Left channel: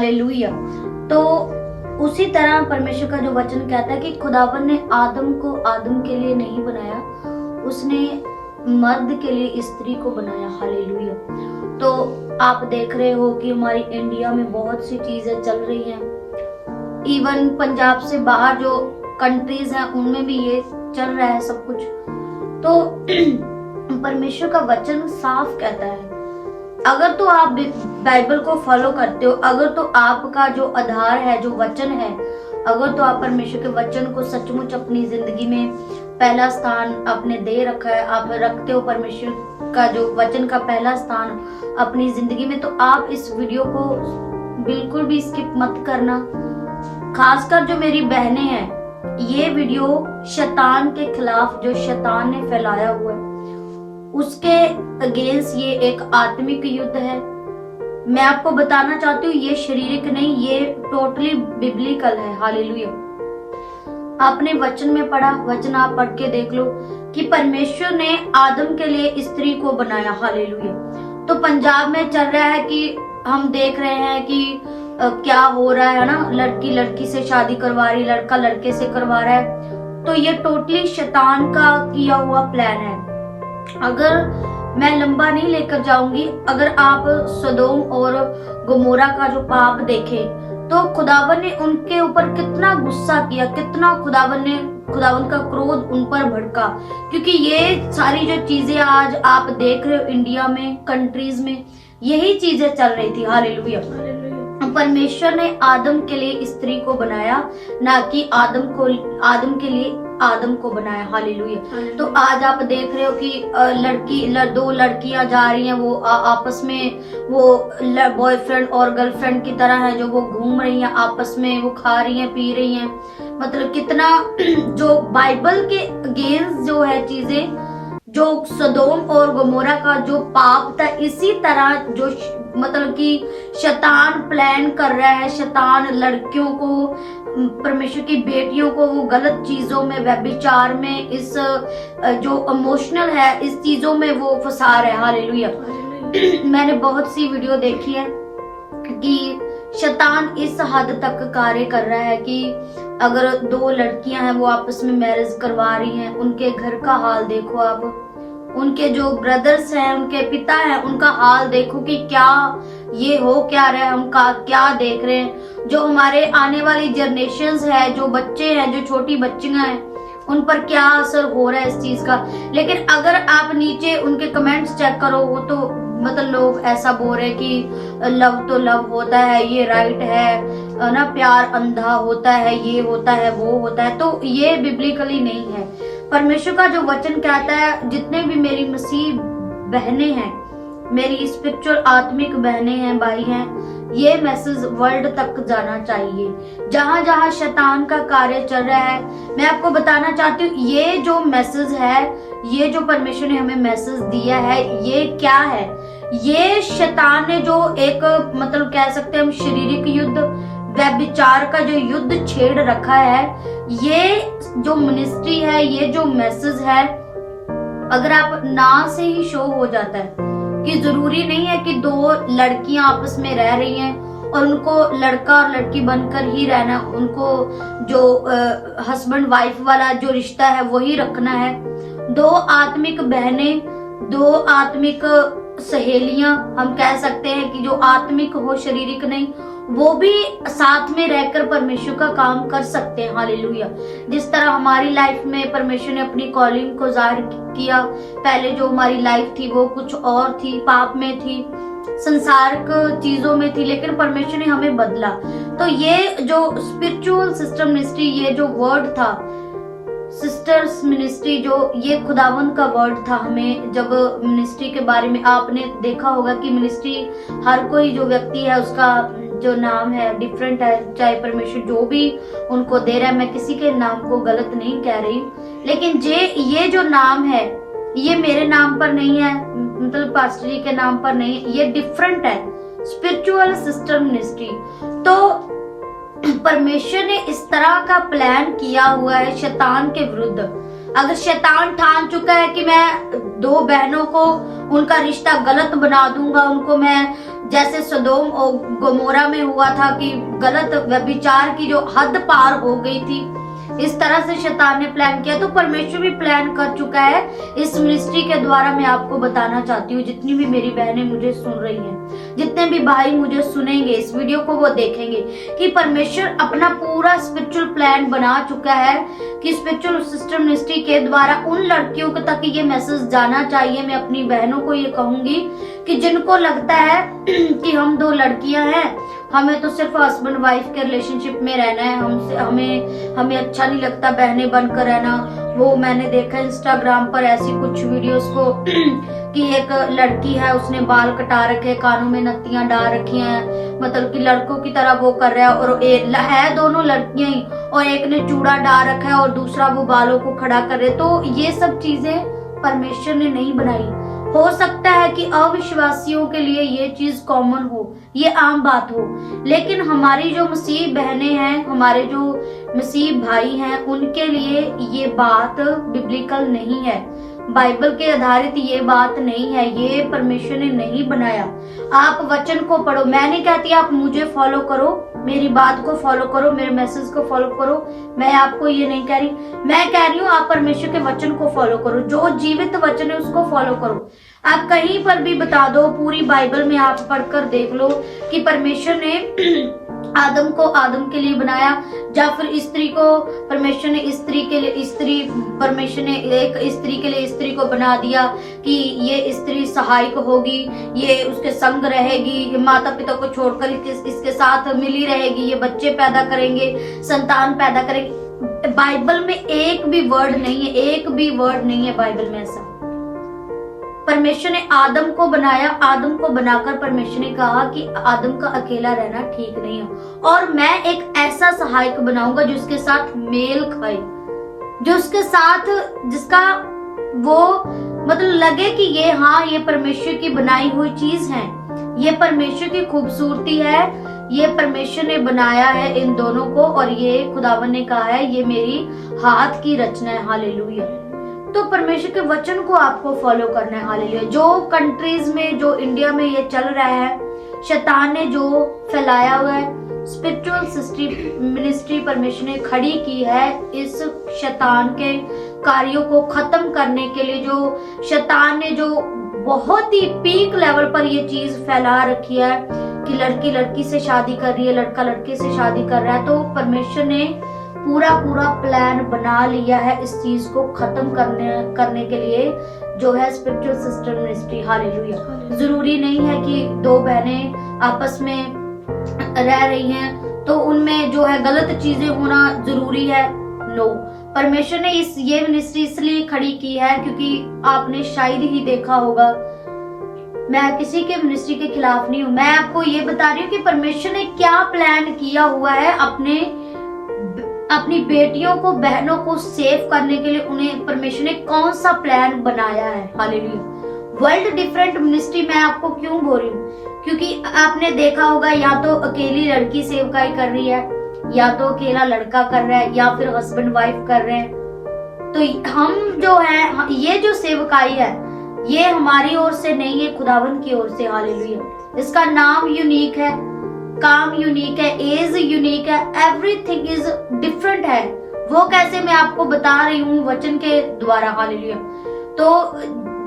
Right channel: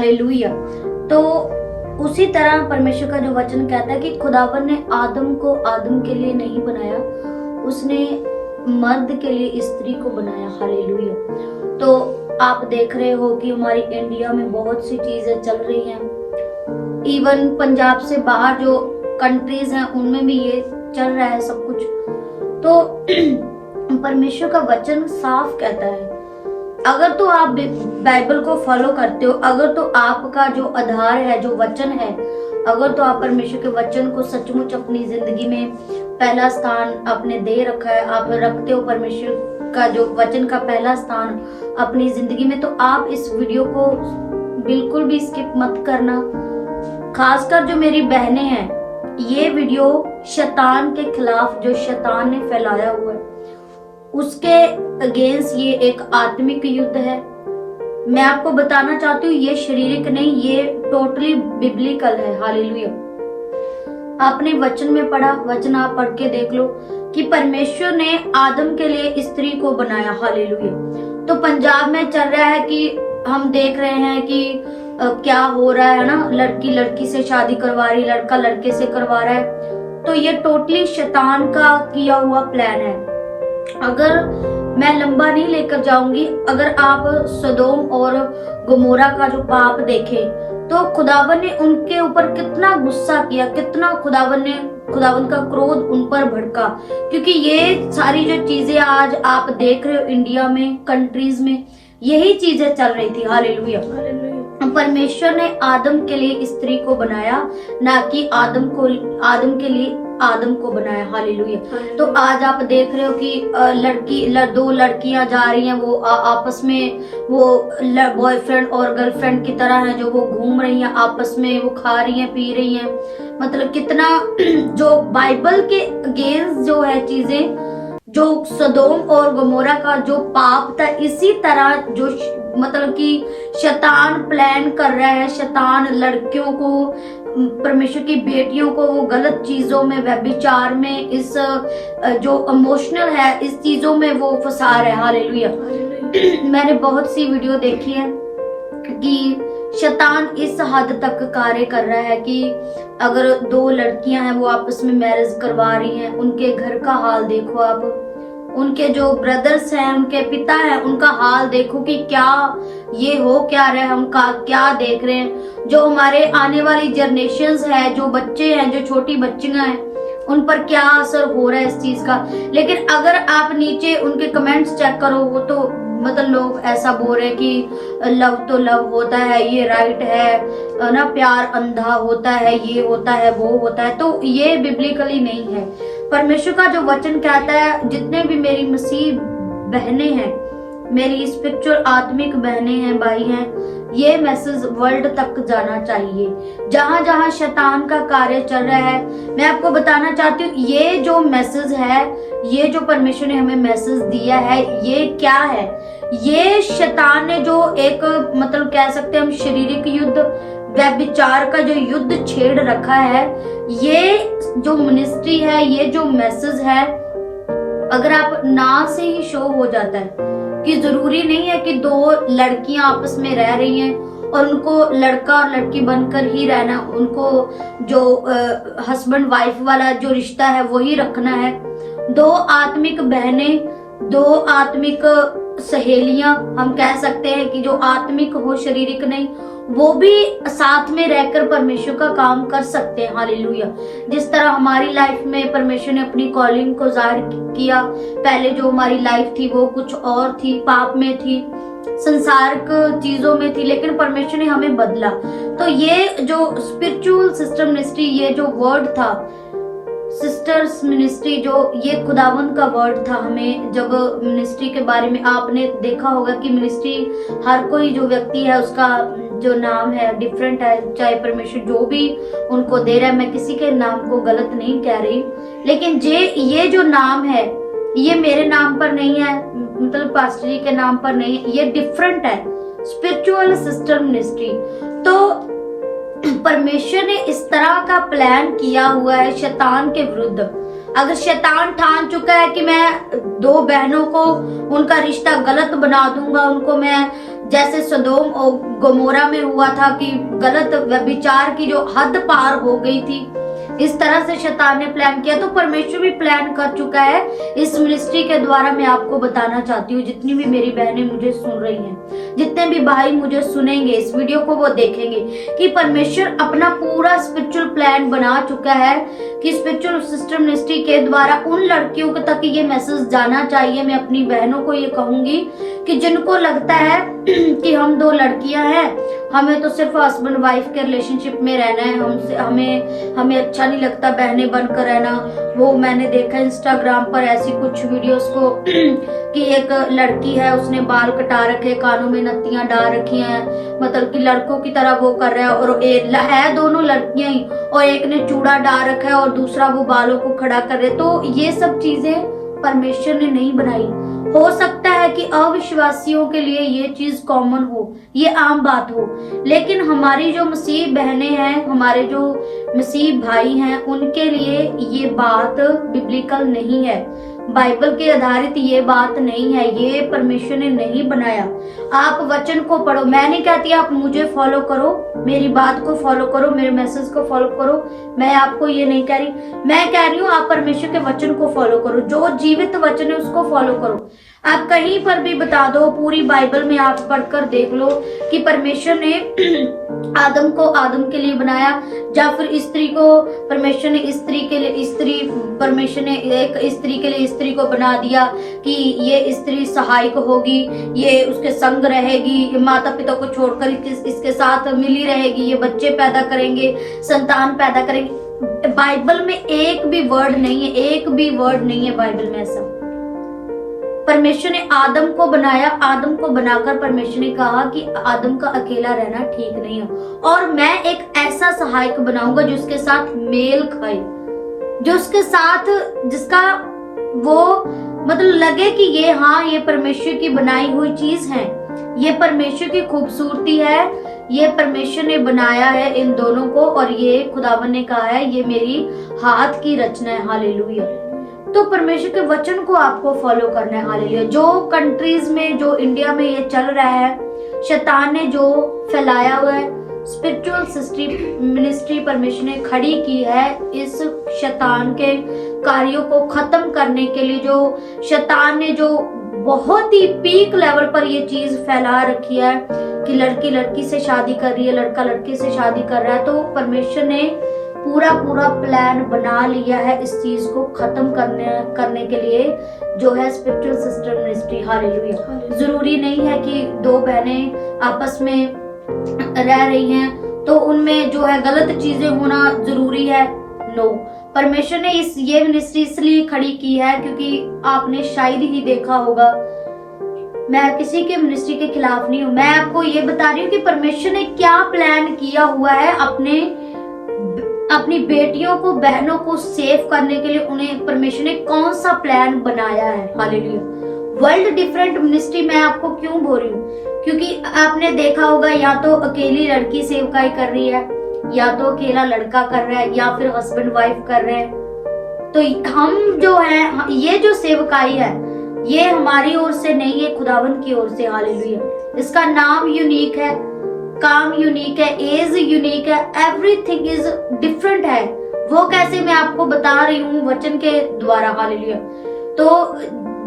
Hallelujah. तो उसी तरह परमेश्वर का जो वचन कहता है कि खुदावन ने आदम को आदम के लिए नहीं बनाया, उसने मर्द के लिए स्त्री को बनाया। हालेलुया। तो आप देख रहे हो कि हमारी इंडिया में बहुत सी चीजें चल रही हैं, इवन पंजाब से बाहर जो कंट्रीज हैं उनमें भी ये चल रहा है सब कुछ। तो परमेश्वर का वचन साफ कहता है, अगर तो आप बाइबल को फॉलो करते हो, अगर तो आपका जो आधार है, जो वचन है, अगर तो आप परमेश्वर के वचन को सचमुच अपनी जिंदगी में पहला स्थान आपने दे रखा है, आप रखते हो परमेश्वर का जो वचन का पहला स्थान अपनी जिंदगी में, तो आप इस वीडियो को बिल्कुल भी स्किप मत करना। खासकर जो मेरी बहनें हैं, ये वीडियो शैतान के खिलाफ, जो शैतान ने फैलाया हुआ है, उसके अगेंस्ट ये एक आत्मिक युद्ध है। मैं आपको बताना चाहती हूँ, ये शारीरिक नहीं, ये टोटली बिब्लिकल है। हालेलुया। आपने वचन में पढ़ा, वचन आप पढ़ के देख लो कि परमेश्वर ने आदम के लिए स्त्री को बनाया। हालेलुया। तो पंजाब में चल रहा है कि हम देख रहे हैं कि क्या हो रहा है ना, लड़की लड़की से शादी करवा रही, लड़का लड़के से करवा रहा है। तो ये टोटली शैतान का किया हुआ प्लान है। अगर मैं लंबा नहीं लेकर जाऊंगी, अगर आप सदोम और गमोरा का जो पाप देखें, तो खुदावन ने उनके ऊपर कितना गुस्सा किया, कितना खुदावन का क्रोध उन पर भड़का, क्योंकि ये सारी जो चीजें आज आप देख रहे हो इंडिया में, कंट्रीज में, यही चीजें चल रही थी। हालेलुया। परमेश्वर ने आदम के लिए स्त्री को बनाया, ना कि आदम के लिए आदम को बनाया। हालेलुया। तो आज आप देख रहे हो कि दो लड़कियां जा रही हैं, वो आपस में वो बॉयफ्रेंड और गर्लफ्रेंड की तरह हैं, जो वो घूम रही हैं आपस में, वो खा रही हैं, पी रही हैं। मतलब कितना जो बाइबल के अगेंस्ट जो है चीजें, जो सदोम और गमोरा का जो पाप था, इसी तरह जो मतलब कि शैतान प्लान कर रहा है, शैतान लड़कियों को, परमेश्वर की बेटियों को वो गलत चीजों में, व्यभिचार में, इस जो इमोशनल है, इस चीजों में वो फंसा रहा है। हालेलुया। मैंने बहुत सी वीडियो देखी है कि शैतान इस हद तक कार्य कर रहा है कि अगर दो लड़कियां हैं, वो आपस में मैरिज करवा रही हैं, उनके घर का हाल देखो आप, उनके जो ब्रदर्स हैं, उनके पिता हैं, उनका हाल देखो कि क्या ये हो क्या रहे, हम क्या देख रहे हैं। जो हमारे आने वाली जनरेशंस है, जो बच्चे हैं, जो छोटी बच्चियां हैं, उन पर क्या असर हो रहा है इस चीज का। लेकिन अगर आप नीचे उनके कमेंट्स चेक करो, वो तो मतलब लोग ऐसा बोल रहे कि लव तो लव होता है, ये राइट है ना, प्यार अंधा होता है, ये होता है, वो होता है। तो ये बिब्लिकली नहीं है। परमेश्वर का जो वचन कहता है, जितने भी मेरी मसीह बहनें हैं, मेरी स्पिरिचुअल आत्मिक बहनें हैं, भाई हैं, ये मैसेज वर्ल्ड तक जाना चाहिए। जहां जहां शैतान का कार्य चल रहा है, मैं आपको बताना चाहती हूँ, ये जो मैसेज है, ये जो परमेश्वर ने हमें मैसेज दिया है, ये क्या है? ये शैतान ने जो एक मतलब कह सकते हैं हम शारीरिक युद्ध, व्यभिचार का जो युद्ध छेड़ रखा है, ये जो मिनिस्ट्री है, ये जो मैसेज है, अगर आप ना से ही शो हो जाता है कि जरूरी नहीं है कि दो लड़कियां आपस में रह रही हैं और उनको लड़का और लड़की बनकर ही रहना, उनको जो हस्बैंड वाइफ वाला जो रिश्ता है वही रखना है। दो आत्मिक बहनें, दो आत्मिक सहेलियां, हम कह सकते हैं कि जो आत्मिक हो, शारीरिक नहीं, वो भी साथ में रहकर परमेश्वर का काम कर सकते हैं। हालेलुया। जिस तरह हमारी लाइफ में परमेश्वर ने अपनी कॉलिंग को जाहिर किया, पहले जो हमारी लाइफ थी वो कुछ और थी, पाप में थी, संसारिक चीजों में थी, लेकिन परमेश्वर ने हमें बदला। तो ये जो स्पिरिचुअल सिस्टम मिनिस्ट्री, ये जो वर्ड था, सिस्टर्स मिनिस्ट्री, जो ये खुदावंद का वर्ड था, हमें जब मिनिस्ट्री के बारे में आपने देखा होगा कि मिनिस्ट्री हर कोई जो व्यक्ति है उसका जो नाम है डिफरेंट है, चाहे परमेश्वर जो भी उनको दे रहा है, मैं किसी के नाम को गलत नहीं कह रही, लेकिन ये जो नाम है, ये मेरे नाम पर नहीं है, मतलब पास्टरी के नाम पर नहीं, ये डिफरेंट है, स्पिरिचुअल सिस्टम मिनिस्ट्री। तो परमेश्वर ने इस तरह का प्लान किया हुआ है शैतान के विरुद्ध। अगर शैतान ठान चुका है कि मैं दो बहनों को उनका रिश्ता गलत बना दूंगा, उनको मैं जैसे सदोम और गोमोरा में हुआ था कि गलत व्यभिचार की जो हद पार हो गई थी, इस तरह से शैतान ने प्लान किया, तो परमेश्वर भी प्लान कर चुका है। इस मिनिस्ट्री के द्वारा मैं आपको बताना चाहती हूँ, जितनी भी मेरी बहनें मुझे सुन रही हैं, जितने भी भाई मुझे सुनेंगे इस वीडियो को, वो देखेंगे कि परमेश्वर अपना पूरा स्पिरिचुअल प्लान बना चुका है कि स्पिरिचुअल सिस्टर मिनिस्ट्री के द्वारा उन लड़कियों तक ये मैसेज जाना चाहिए। मैं अपनी बहनों को ये कहूंगी कि जिनको लगता है कि हम दो लड़कियां हैं, हमें तो सिर्फ हस्बैंड वाइफ के रिलेशनशिप में रहना है, हमें अच्छा नहीं लगता बहनें बनकर रहना। वो मैंने देखा इंस्टाग्राम पर ऐसी कुछ वीडियोस को कि एक लड़की है, उसने बाल कटा रखे, कानों में नत्तियां डाल रखी हैं, मतलब कि लड़कों की तरह वो कर रहा है, और है दोनों लड़कियां ही, और एक ने चूड़ा डाल रखा है और दूसरा वो बालों को खड़ा कर रहे। तो ये सब चीजें परमेश्वर ने नहीं बनाई। हो सकता है कि अविश्वासियों के लिए ये चीज कॉमन हो, ये आम बात हो, लेकिन हमारी जो मसीह बहनें हैं, हमारे जो मसीह भाई हैं, उनके लिए ये बात बिब्लिकल नहीं है, बाइबल के आधारित ये बात नहीं है, ये परमेश्वर ने नहीं बनाया। आप वचन को पढ़ो, मैं नहीं कहती आप मुझे फॉलो करो, मेरी बात को फॉलो करो, मेरे मैसेज को फॉलो करो, मैं आपको ये नहीं कह रही, मैं कह रही हूँ आप परमेश्वर के वचन को फॉलो करो, जो जीवित वचन है उसको फॉलो करो। आप कहीं पर भी बता दो, पूरी बाइबल में आप पढ़कर देख लो कि परमेश्वर ने आदम को आदम के लिए बनाया, या फिर स्त्री को परमेश्वर ने स्त्री के लिए परमेश्वर ने एक स्त्री के लिए स्त्री को बना दिया कि ये स्त्री सहायक होगी, ये उसके संग रहेगी, माता पिता को छोड़कर इसके साथ मिली रहेगी, ये बच्चे पैदा करेंगे, संतान पैदा करेंगे। बाइबल में एक भी वर्ड नहीं है, एक भी वर्ड नहीं है बाइबल में ऐसा। परमेश्वर ने आदम को बनाया, आदम को बनाकर परमेश्वर ने कहा कि आदम का अकेला रहना ठीक नहीं है, और मैं एक ऐसा सहायक बनाऊंगा जो उसके साथ मेल खाए, जो उसके साथ जिसका वो मतलब लगे कि ये परमेश्वर की बनाई हुई चीज है, ये परमेश्वर की खूबसूरती है, ये परमेश्वर ने बनाया है इन दोनों को, और ये खुदावन ने कहा है ये मेरी हाथ की रचना है। हालेलुया। तो परमेश्वर के वचन को आपको फॉलो करना है। हालेलुया। जो कंट्रीज में, जो इंडिया में ये चल रहा है, शैतान ने जो फैलाया हुआ है, स्पिरिचुअल मिनिस्ट्री परमेश्वर ने खड़ी की है इस शैतान के कार्यों को खत्म करने के लिए। जो शैतान ने जो बहुत ही पीक लेवल पर ये चीज फैला रखी है कि लड़की लड़की से शादी कर रही है, लड़का लड़की से शादी कर रहा है, तो परमेश्वर ने पूरा प्लान बना लिया है इस चीज को खत्म करने के लिए, जो है स्पिरिचुअल सिस्टर मिनिस्ट्री। हालेलुया। जरूरी नहीं है कि दो बहनें आपस में रह रही हैं तो उनमें जो है गलत चीजें होना जरूरी है। नो, परमेश्वर ने ये मिनिस्ट्री इसलिए खड़ी की है क्योंकि आपने शायद ही देखा होगा, मैं किसी के मिनिस्ट्री के खिलाफ नहीं हूँ, मैं आपको ये बता रही हूँ कि परमेश्वर ने क्या प्लान किया हुआ है अपनी बेटियों को, बहनों को सेव करने के लिए। उन्हें परमेश्वर ने कौन सा प्लान बनाया है। हालेलुया। वर्ल्ड डिफरेंट मिनिस्ट्री मैं आपको क्यों बोल रही हूँ, क्योंकि आपने देखा होगा या तो अकेली लड़की सेवकाई कर रही है, या तो अकेला लड़का कर रहा है, या फिर हस्बैंड वाइफ कर रहे हैं। तो हम जो है, ये जो सेवकाई है ये हमारी ओर से नहीं है, खुदावन की ओर से। हालेलुया। इसका नाम यूनिक है, काम यूनिक है, एज यूनिक है, एवरीथिंग इज डिफरेंट है। वो कैसे मैं आपको बता रही हूँ वचन के द्वारा। हालेलुया। तो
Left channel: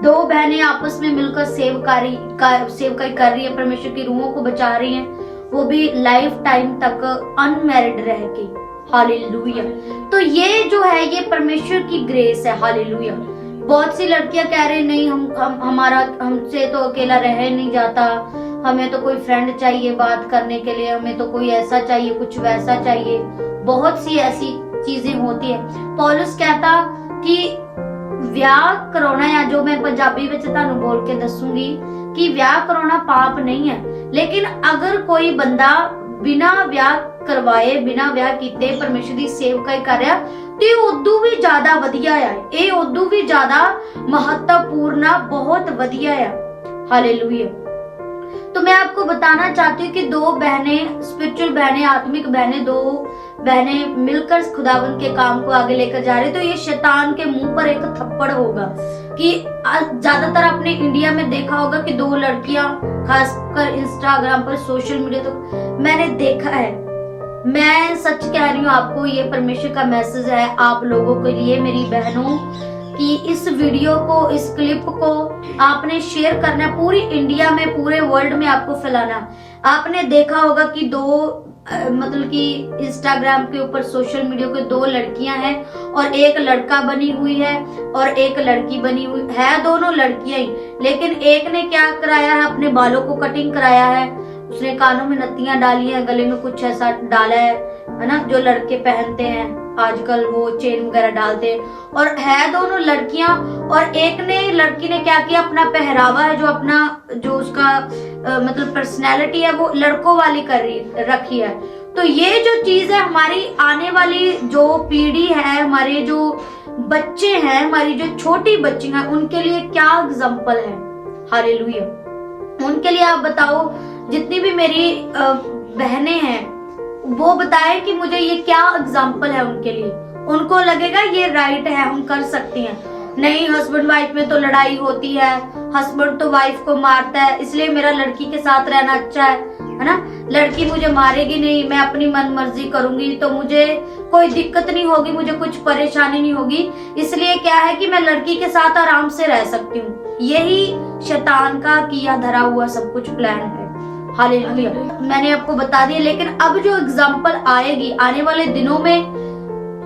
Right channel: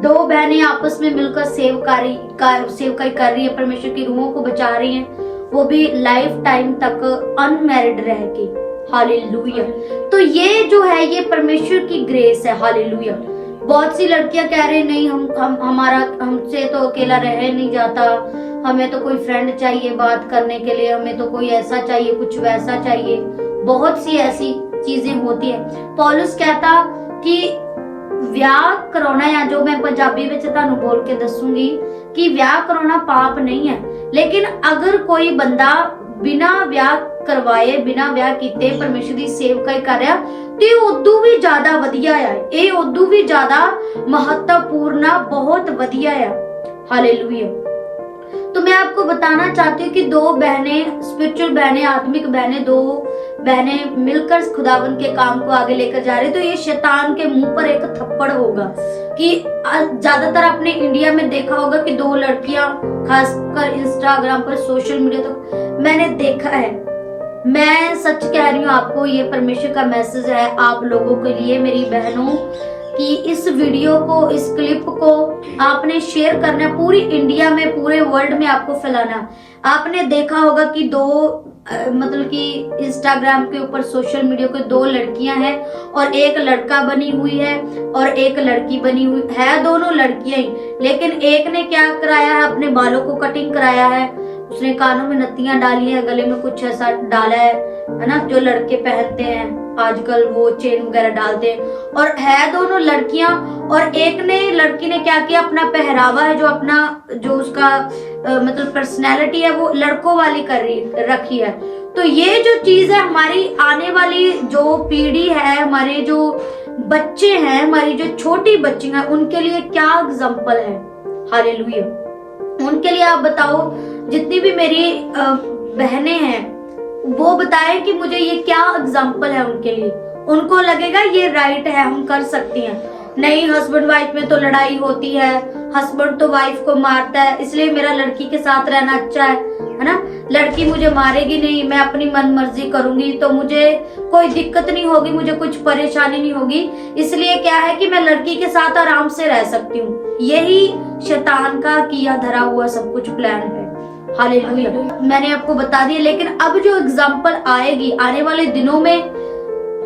दो बहनें आपस में मिलकर सेवकाई कर रही है, परमेश्वर की रूहों को बचा रही हैं, वो भी लाइफ टाइम तक अनमैरिड रह के। हालेलुया। तो ये जो है ये परमेश्वर की ग्रेस है। हालेलुया। बहुत सी लड़कियां कह रही नहीं, हमसे तो अकेला रह नहीं जाता, हमें तो कोई फ्रेंड चाहिए बात करने के लिए, हमें तो कोई ऐसा चाहिए, कुछ वैसा चाहिए। बहुत सी ऐसी चीजें होती है। पौलुस कहता कि ਵਿਆਹ कराना, या जो मैं पंजाबी विच तुहानू बोल के दसूंगी कि ਵਿਆਹ कराना पाप नहीं है, लेकिन अगर कोई बंदा बिना ਵਿਆਹ करवाए, बिना ਵਿਆਹ कीते परमेश्वर की सेवकाई कर रहा ते उदू भी ज्यादा वधिया है, ये उदू भी ज्यादा महत्वपूर्ण, बहुत वधिया है। हालेलुया। तो मैं आपको बताना चाहती हूँ कि दो बहनें, स्पिरिचुअल बहनें, आत्मिक बहनें, दो बहनें मिलकर खुदावन के काम को आगे लेकर जा रही, तो ये शैतान के मुंह पर एक थप्पड़ होगा। कि ज्यादातर आपने इंडिया में देखा होगा कि 2 लड़कियां, खासकर इंस्टाग्राम पर, सोशल मीडिया तो मैंने देखा है। मैं सच कह रही हूँ आपको, ये परमेश्वर का मैसेज है आप लोगों के लिए, मेरी बहनों, कि इस वीडियो को, इस क्लिप को आपने शेयर करना है पूरी इंडिया में, पूरे वर्ल्ड में आपको फैलाना। आपने देखा होगा कि 2 मतलब कि इंस्टाग्राम के ऊपर, सोशल मीडिया के 2 लड़कियां हैं और एक लड़का बनी हुई है और एक लड़की बनी हुई है, दोनों लड़कियां ही। लेकिन एक ने क्या कराया है, अपने बालों को कटिंग कराया है, उसने कानों में नत्तियां डाली है, गले में कुछ ऐसा डाला है ना, जो लड़के पहनते हैं आजकल, वो चेन वगैरह डालते हैं, और है दोनों लड़कियां। और एक ने, लड़की ने क्या किया, अपना पहरावा है, जो उसका मतलब पर्सनैलिटी है, वो लड़कों वाली रखी है। तो ये जो चीज है, हमारी आने वाली जो पीढ़ी है, हमारे जो बच्चे हैं, हमारी जो छोटी बच्ची हैं, उनके लिए क्या एग्जाम्पल है। हालेलुया। उनके लिए आप बताओ, जितनी भी मेरी बहनें हैं, वो बताएं कि मुझे ये क्या एग्जाम्पल है उनके लिए। उनको लगेगा ये राइट है, हम कर सकती हैं। नहीं, हस्बैंड वाइफ में तो लड़ाई होती है, हस्बैंड तो वाइफ को मारता है, इसलिए मेरा लड़की के साथ रहना अच्छा है ना। लड़की मुझे मारेगी नहीं, मैं अपनी मन मर्जी करूंगी, तो मुझे कोई दिक्कत नहीं होगी, मुझे कुछ परेशानी नहीं होगी, इसलिए क्या है कि मैं लड़की के साथ आराम से रह सकती हूँ। यही शैतान का किया धरा हुआ सब कुछ प्लान है। हालेलुया। मैंने आपको बता दिया। लेकिन अब जो एग्जाम्पल आएगी आने वाले दिनों में,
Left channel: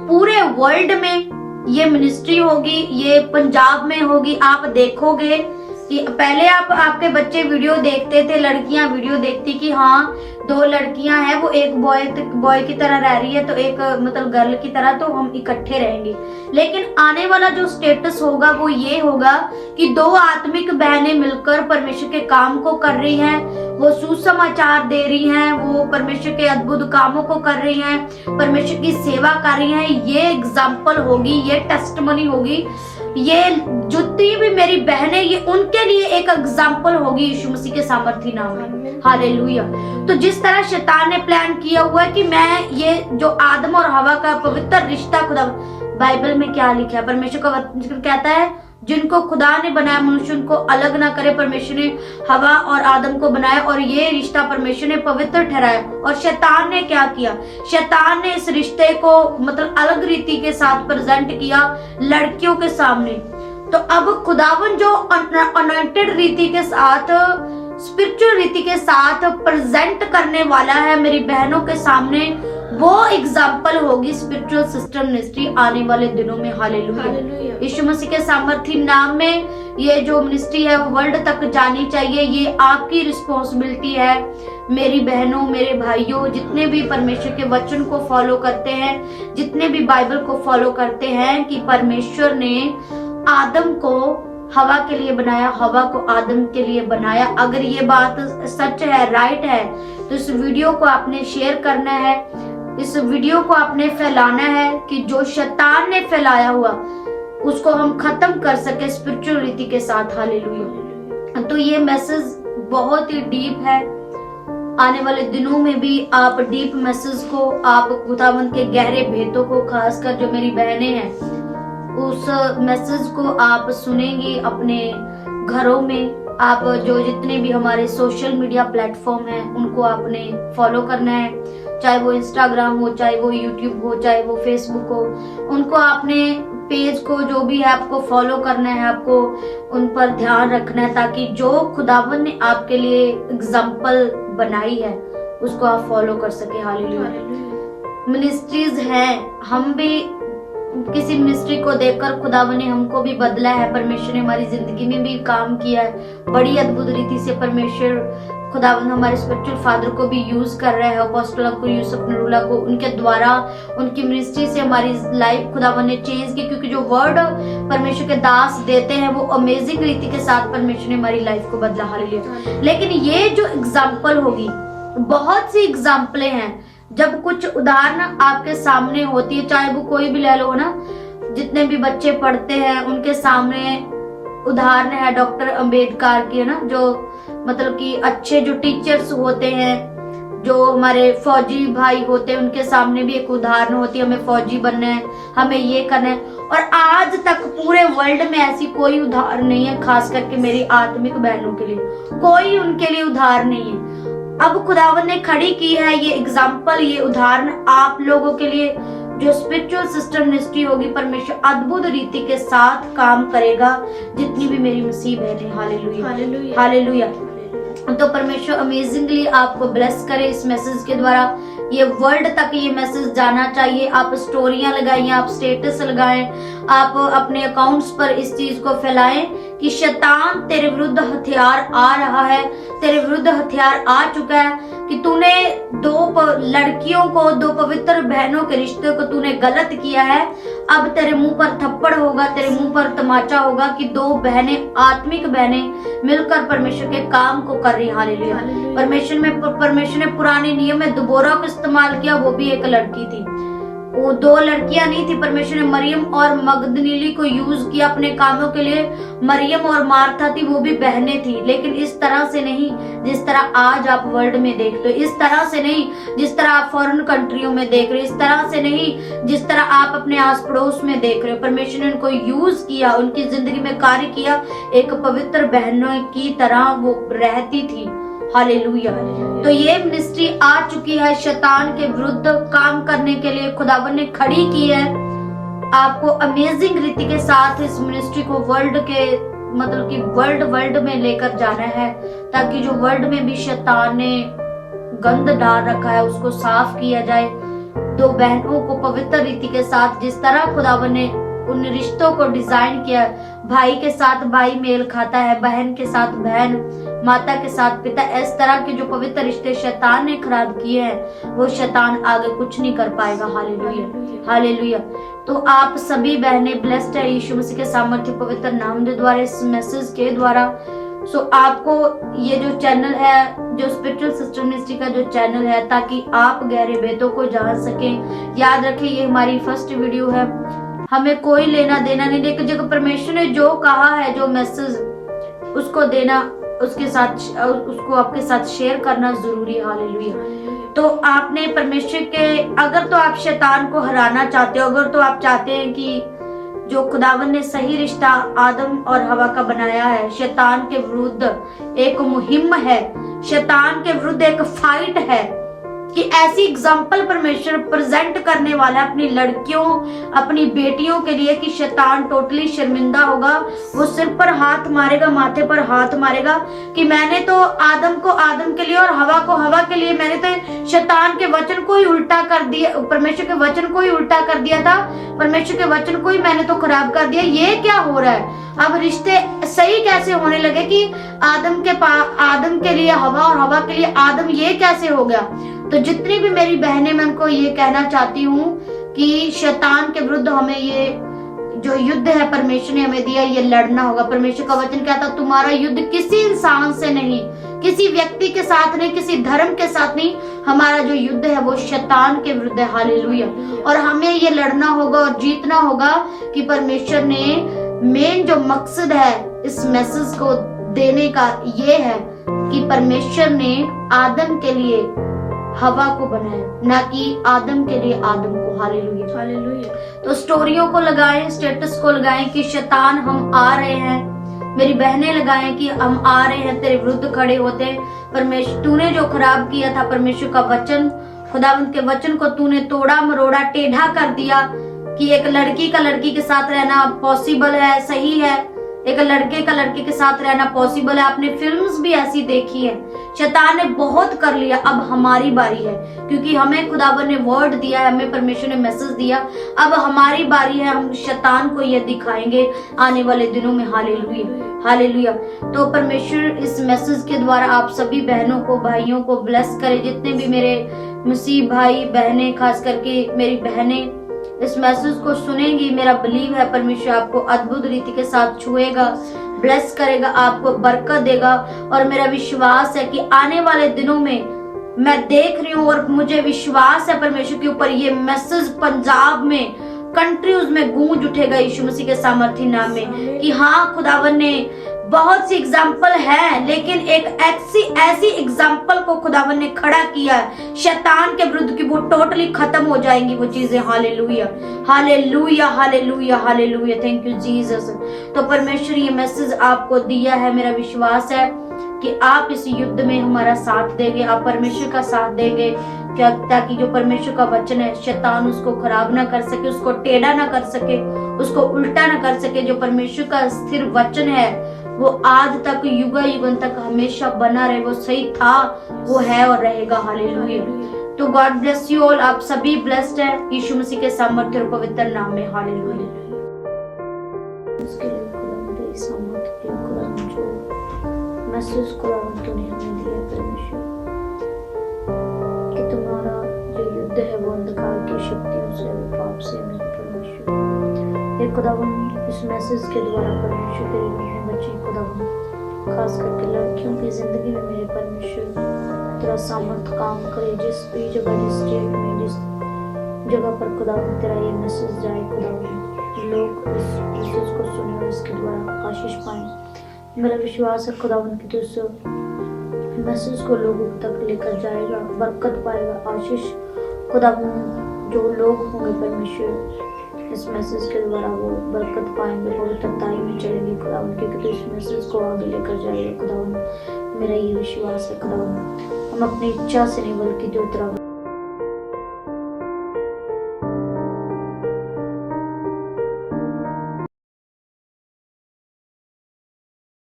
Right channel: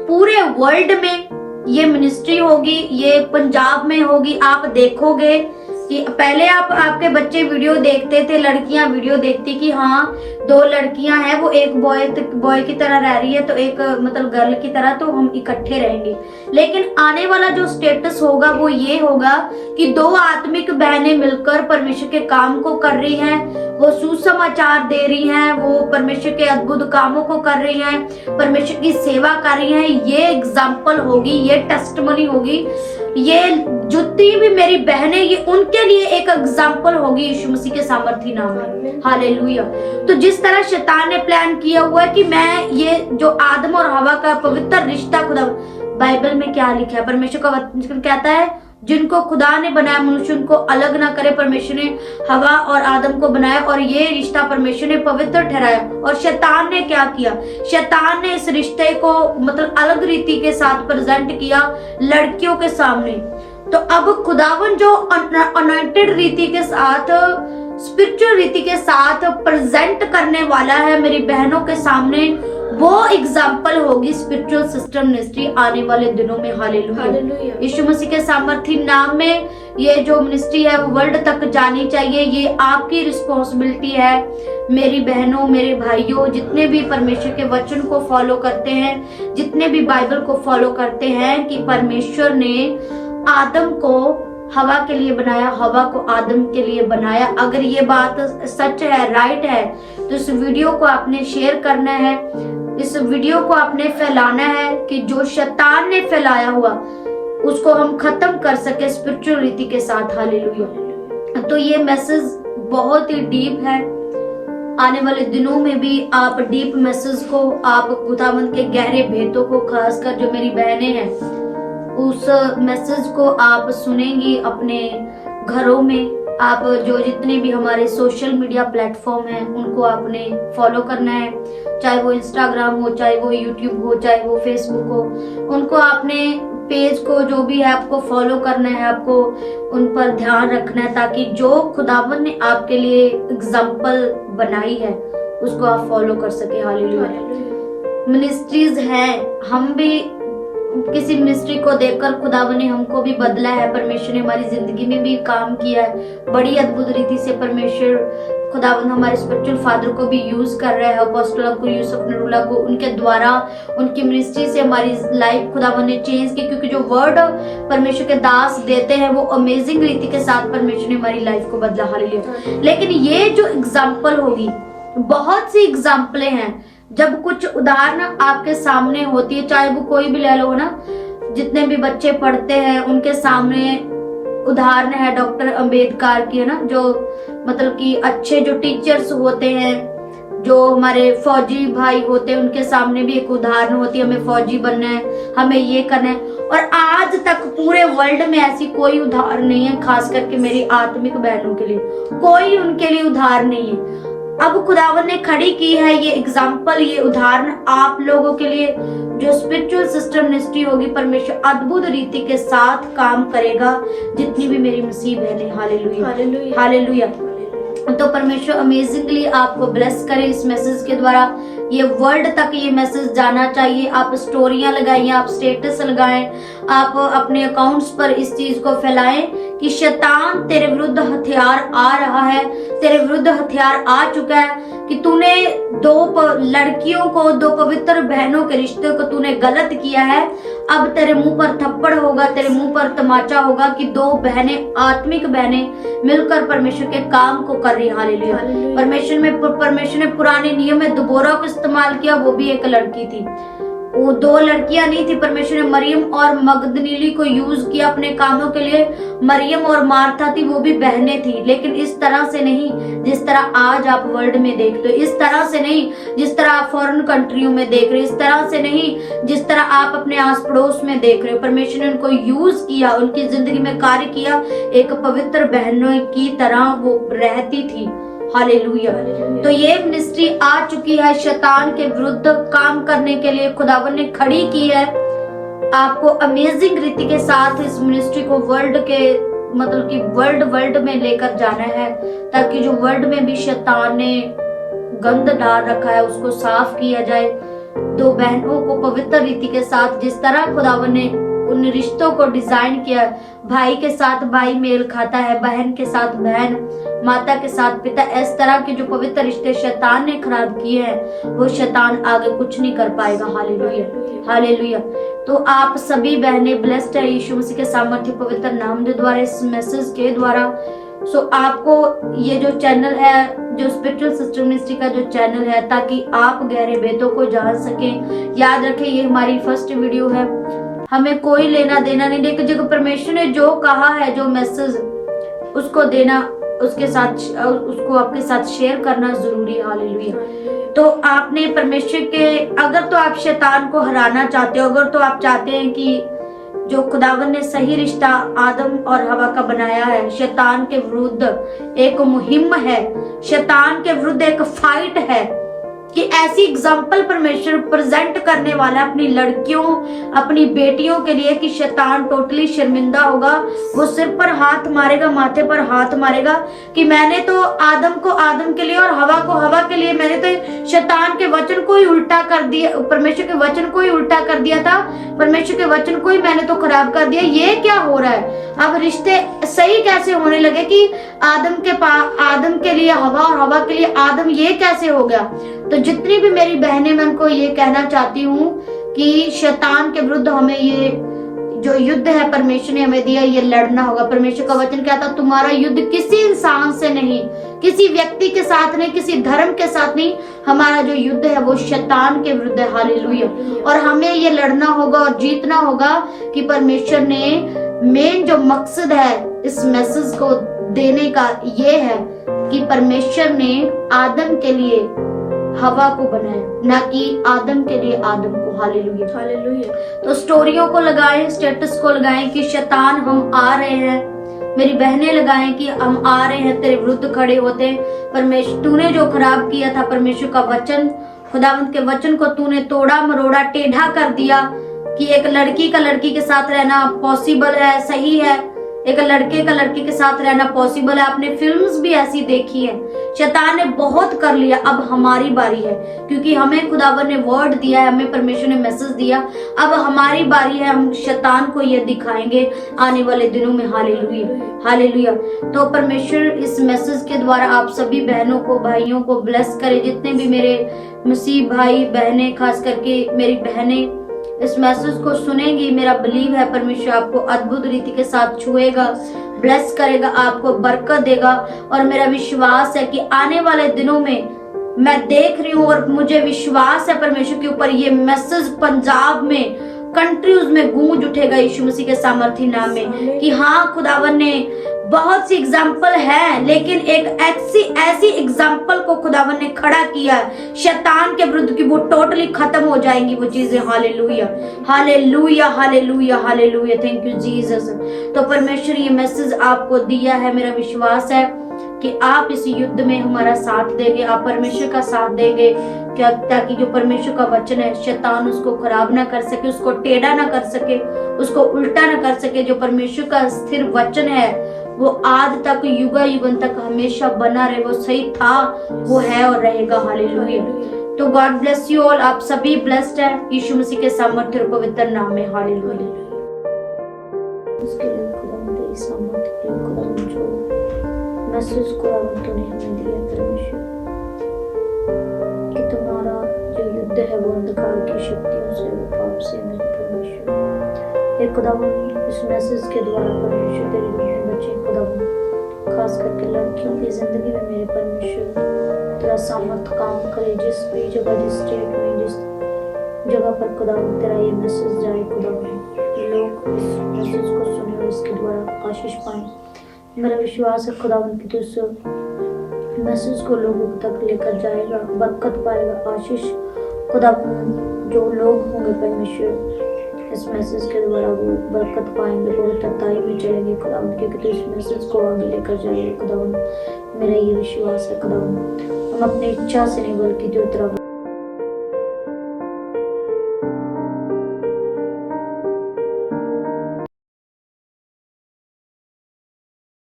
पूरे वर्ल्ड में ये मिनिस्ट्री होगी, ये पंजाब में होगी। आप देखोगे कि पहले आपके बच्चे वीडियो देखते थे, लड़कियां वीडियो देखती कि हाँ 2 लड़कियां हैं, वो एक बॉय की तरह रह रही है, तो एक मतलब गर्ल की तरह, तो हम इकट्ठे रहेंगे। लेकिन आने वाला जो स्टेटस होगा वो ये होगा कि 2 आत्मिक बहनें मिलकर परमेश्वर के काम को कर रही हैं, वो सुसमाचार दे रही हैं, वो परमेश्वर के अद्भुत कामों को कर रही हैं, परमेश्वर की सेवा कर रही हैं। ये एग्जाम्पल होगी, ये टेस्टमनी होगी, ये जितनी भी मेरी बहनें, ये उनके लिए एक एग्जाम्पल होगी यीशु मसीह के सामर्थी नाम में। हालेलुया। तो जिस तरह शैतान ने प्लान किया हुआ है कि मैं ये जो आदम और हवा का पवित्र रिश्ता, खुदा बाइबल में क्या लिखा है, परमेश्वर का वचन कहता है, जिनको खुदा ने बनाया मनुष्य उनको अलग ना करे। परमेश्वर ने हवा और आदम को बनाया और ये रिश्ता परमेश्वर ने पवित्र ठहराया। और शैतान ने क्या किया, शैतान ने इस रिश्ते को मतलब अलग रीति के साथ प्रेजेंट किया लड़कियों के सामने। तो अब खुदावन जो अनॉइंटेड रीति के साथ, स्पिरिचुअल रीति के साथ प्रेजेंट करने वाला है मेरी बहनों के सामने, वो एग्जाम्पल होगी स्पिरिचुअल सिस्टम मिनिस्ट्री आने वाले दिनों में। हालेलुया। यीशु मसीह के सामर्थी नाम में ये जो मिनिस्ट्री है वो वर्ल्ड तक जानी चाहिए। ये आपकी रिस्पॉन्सिबिलिटी है मेरी बहनों, मेरे भाइयों, जितने भी परमेश्वर के वचन को फॉलो करते हैं, जितने भी बाइबल को फॉलो करते हैं, कि परमेश्वर ने आदम को हवा के लिए बनाया, हवा को आदम के लिए बनाया। अगर ये बात सच है, राइट है, तो इस वीडियो को आपने शेयर करना है, इस वीडियो को आपने फैलाना है कि जो शैतान ने फैलाया हुआ उसको हम खत्म कर सके स्पिरिचुअल रीति के साथ। हालेलुया। तो ये मैसेज बहुत ही डीप है। आने वाले दिनों में भी आप डीप मैसेज को, आप खुदावंद के गहरे भेदों को, खासकर जो मेरी बहनें हैं, उस मैसेज को आप सुनेंगी अपने घरों में। आप जो जितने भी हमारे सोशल मीडिया प्लेटफॉर्म हैं उनको आपने फॉलो करना है, चाहे वो इंस्टाग्राम हो, चाहे वो यूट्यूब हो, चाहे वो फेसबुक हो, उनको आपने पेज को जो भी है आपको फॉलो करना है, आपको उन पर ध्यान रखना है, ताकि जो खुदावन ने आपके लिए एग्जाम्पल बनाई है उसको आप फॉलो कर सके। हालेलुया। मिनिस्ट्रीज हैं, हम भी किसी मिनिस्ट्री को देखकर खुदावन ने हमको भी बदला है, परमेश्वर ने हमारी जिंदगी में भी काम किया है बड़ी अद्भुत रीति से। परमेश्वर खुदावन हमारे स्पिरिचुअल फादर को भी यूज कर रहा है, अपोस्टल को, यूसुफ नरूला को, उनके द्वारा, उनकी मिनिस्ट्री से हमारी लाइफ खुदावन ने चेंज की, क्योंकि जो वर्ड परमेश्वर के दास देते हैं वो अमेजिंग रीति के साथ परमेश्वर ने हमारी लाइफ को बदला। हालेलुया। लेकिन ये जो एग्जाम्पल होगी, बहुत सी एग्जाम्पलें हैं, जब कुछ उदाहरण आपके सामने होती है, चाहे वो कोई भी ले लो ना, जितने भी बच्चे पढ़ते हैं उनके सामने उदाहरण है डॉक्टर अंबेडकर की, है ना, जो मतलब कि अच्छे जो टीचर्स होते हैं, जो हमारे फौजी भाई होते हैं उनके सामने भी एक उदाहरण होती है, हमें फौजी बनना है, हमें ये करना है। और आज तक पूरे वर्ल्ड में ऐसी कोई उदाहरण नहीं है, खास करके मेरी आत्मिक बहनों के लिए कोई उनके लिए उदाहरण नहीं है। अब खुदावन ने खड़ी की है ये एग्जाम्पल, ये उदाहरण आप लोगों के लिए। जो स्पिरिचुअल सिस्टम मिनिस्ट्री होगी, परमेश्वर अद्भुत रीति के साथ काम करेगा, जितनी भी मेरी मसीह बहनें। Hallelujah, hallelujah, hallelujah. तो परमेश्वर अमेजिंगली आपको ब्लेस करे इस मैसेज के द्वारा। ये वर्ल्ड तक ये मैसेज जाना चाहिए। आप स्टोरियां लगाइए, आप स्टेटस लगाएं, आप अपने अकाउंट्स पर इस चीज को फैलाएं कि शैतान तेरे विरुद्ध हथियार आ रहा है, तेरे विरुद्ध हथियार आ चुका है कि तूने दो लड़कियों को, दो पवित्र बहनों के रिश्ते को तूने गलत किया है। अब तेरे मुंह पर थप्पड़ होगा, तेरे मुंह पर तमाचा होगा कि दो बहनें, आत्मिक बहनें मिलकर परमेश्वर के काम को कर रही। हालेलुया। परमेश्वर ने पुराने नियम में दुबोरा को इस्तेमाल किया, वो भी एक लड़की थी। वो दो लड़कियां नहीं थी, परमेश्वर ने मरियम और मगदलीनी को यूज किया अपने कामों के लिए। मरियम और मार्था थी, वो भी बहनें थी, लेकिन इस तरह से नहीं जिस तरह आज आप वर्ल्ड में देखते हो, इस तरह से नहीं जिस तरह आप फॉरेन कंट्रियों में देख रहे हो, इस तरह से नहीं जिस तरह आप अपने आस पड़ोस में देख रहे हो। परमेश्वर ने उनको यूज किया, उनकी जिंदगी में कार्य किया, एक पवित्र बहनों की तरह वो रहती थी। हालेलुया। तो ये मिनिस्ट्री आ चुकी है शैतान के विरुद्ध काम करने के लिए, खुदावन ने खड़ी की है। आपको अमेजिंग रीति के साथ इस मिनिस्ट्री को वर्ल्ड के मतलब कि वर्ल्ड में लेकर जाना है, ताकि जो वर्ल्ड में भी शैतान ने गंद डाल रखा है उसको साफ किया जाए। दो बहनों को पवित्र रीति के साथ, जिस तरह खुदावन ने उन रिश्तों को डिजाइन किया, भाई के साथ भाई मेल खाता है, बहन के साथ बहन, माता के साथ पिता, इस तरह के जो पवित्र रिश्ते शैतान ने खराब किए हैं, वो शैतान आगे कुछ नहीं कर पाएगा। Hallelujah, hallelujah. तो आप सभी बहनें ब्लेस्ड है यीशु मसीह के सामर्थ्य पवित्र नाम के द्वारा, इस मैसेज के द्वारा। सो आपको ये जो चैनल है, जो स्पिरिचुअल सिस्टम मिनिस्ट्री का जो चैनल है, ताकि आप गहरे भेदों को जान सकें। याद रखें, ये हमारी फर्स्ट वीडियो है, हमें कोई लेना देना नहीं, लेकिन जो परमेश्वर ने जो कहा है, जो मैसेज, उसको देना, उसके साथ उसको आपके साथ शेयर करना जरूरी है। हालेलुया। तो आपने परमेश्वर के, अगर तो आप शैतान को हराना चाहते हो, अगर तो आप चाहते हैं कि जो खुदावन ने सही रिश्ता आदम और हवा का बनाया है, शैतान के विरुद्ध एक मुहिम है, शैतान के विरुद्ध एक फाइट है, कि ऐसी एग्जाम्पल परमेश्वर प्रेजेंट करने वाला है अपनी लड़कियों, अपनी बेटियों के लिए कि शैतान टोटली शर्मिंदा होगा। वो सिर पर हाथ मारेगा, माथे पर हाथ मारेगा कि मैंने तो आदम को आदम के लिए और हवा को हवा के लिए, मैंने तो शैतान के वचन को ही उल्टा कर दिया, परमेश्वर के वचन को ही उल्टा कर दिया था, परमेश्वर के वचन को ही मैंने तो खराब कर दिया। ये क्या हो रहा है? अब रिश्ते सही कैसे होने लगे कि आदम के लिए हवा और हवा के लिए आदम, ये कैसे हो गया? तो जितनी भी मेरी बहनें, मैं उनको ये कहना चाहती हूँ कि शैतान के विरुद्ध हमें ये जो युद्ध है परमेश्वर ने हमें दिया, ये लड़ना होगा। परमेश्वर का वचन क्या था? तुम्हारा युद्ध किसी इंसान से नहीं, किसी व्यक्ति के साथ नहीं, किसी धर्म के साथ नहीं, हमारा जो युद्ध है वो शैतान के विरुद्ध है। हालेलुया। और हमें ये लड़ना होगा और जीतना होगा कि परमेश्वर ने मेन जो मकसद है इस मैसेज को देने का ये है कि परमेश्वर ने आदम के लिए हवा को बनाया, ना कि आदम के लिए आदम को। Hallelujah, hallelujah. तो स्टोरियों को लगाएं, स्टेटस को लगाएं कि शैतान हम आ रहे हैं, मेरी बहनें लगाएं कि हम आ रहे हैं, तेरे विरुद्ध खड़े होते हैं। परमेश्वर, तूने जो खराब किया था, परमेश्वर का वचन, खुदावंत के वचन को तूने तोड़ा मरोड़ा, टेढ़ा कर दिया कि एक लड़की का लड़की के साथ रहना पॉसिबल है, सही है, एक लड़के का लड़की के साथ रहना पॉसिबल है। आपने फिल्म्स भी ऐसी देखी है। शैतान ने बहुत कर लिया, अब हमारी बारी है, क्योंकि हमें खुदावन ने वर्ड दिया है, हमें परमेश्वर ने मैसेज दिया, अब हमारी बारी है। हम शैतान को ये दिखाएंगे आने वाले दिनों में। Hallelujah, hallelujah. तो परमेश्वर इस मैसेज के द्वारा आप सभी बहनों को, भाइयों को ब्लेस करे। जितने भी मेरे मसीह भाई बहनें, खास करके मेरी बहनें इस मैसेज को सुनेंगी, मेरा बिलीव है परमेश्वर आपको अद्भुत रीति के साथ छुएगा, ब्लेस करेगा, आपको बरकत देगा। और मेरा विश्वास है कि आने वाले दिनों में मैं देख रही हूँ और मुझे विश्वास है परमेश्वर के ऊपर, ये मैसेज पंजाब में कंट्रीज में गूंज उठेगा यीशु मसीह के सामर्थ्य नाम में कि हाँ खुदावन ने बहुत सी एग्जाम्पल है, लेकिन एक ऐसी एग्जाम्पल को खुदावन ने खड़ा किया शैतान के विरुद्ध की वो टोटली खत्म हो जाएंगी वो चीजें। Hallelujah hallelujah hallelujah hallelujah, thank you Jesus. तो परमेश्वर ये मैसेज आपको दिया है, मेरा विश्वास है कि आप इस युद्ध में हमारा साथ देंगे, आप परमेश्वर का साथ देंगे क्या, ताकि जो परमेश्वर का वचन है शैतान उसको खराब ना कर सके, उसको टेढ़ा ना कर सके, उसको उल्टा ना कर सके। जो परमेश्वर का स्थिर वचन है वो आज तक युग युगन तक हमेशा बना रहे, वो सही था, वो है और रहेगा। हालेलुया। तो गॉड ब्लेस यू ऑल, आप सभी ब्लेस्ड है यीशु मसीह के सामर्थ्य और पवित्र नाम में। हालेलुया। उसके लिए खुदावंद तेरी सामर्थ्य के लिए खुदावंद जो मैसेज खुदावंद तूने हमें दिया परमेश्वर, कि तुम्हारा जो युद्ध है वो अंधकार की शक्तियों से, वो पाप से, मेरे परमेश्वर। हे खुदावंद इस मैसेज के द्वारा परमेश्वर तेरी रूह में बच्चे खुदावंद, खास करके लड़कियों की जिंदगी में मेरे परमेश्वर तेरा सामर्थ काम करे, जिस भी जगह, जिस स्टेट में, जिस जगह पर खुदावंद तेरा ये मैसेज जाए खुदावंद, लोग इस मैसेज को सुने और इसके द्वारा आशीष पाएं। मेरा विश्वास है खुदावंद कि तू इस मैसेज को लोगों तक लेकर जाएगा, बरकत पाएगा, आशीष खुदावंद जो लोग होंगे परमेश्वर इस मैसेज के द्वारा वो बरकत पाएंगे, पवित्रताई में चलेंगे खुदावंद, क्योंकि तू इस मैसेज को आगे लेकर जाएगा खुदावंद। मेरा ये विश्वास है खुदावंद, हम अपनी इच्छा से नहीं बल्कि जो तेरा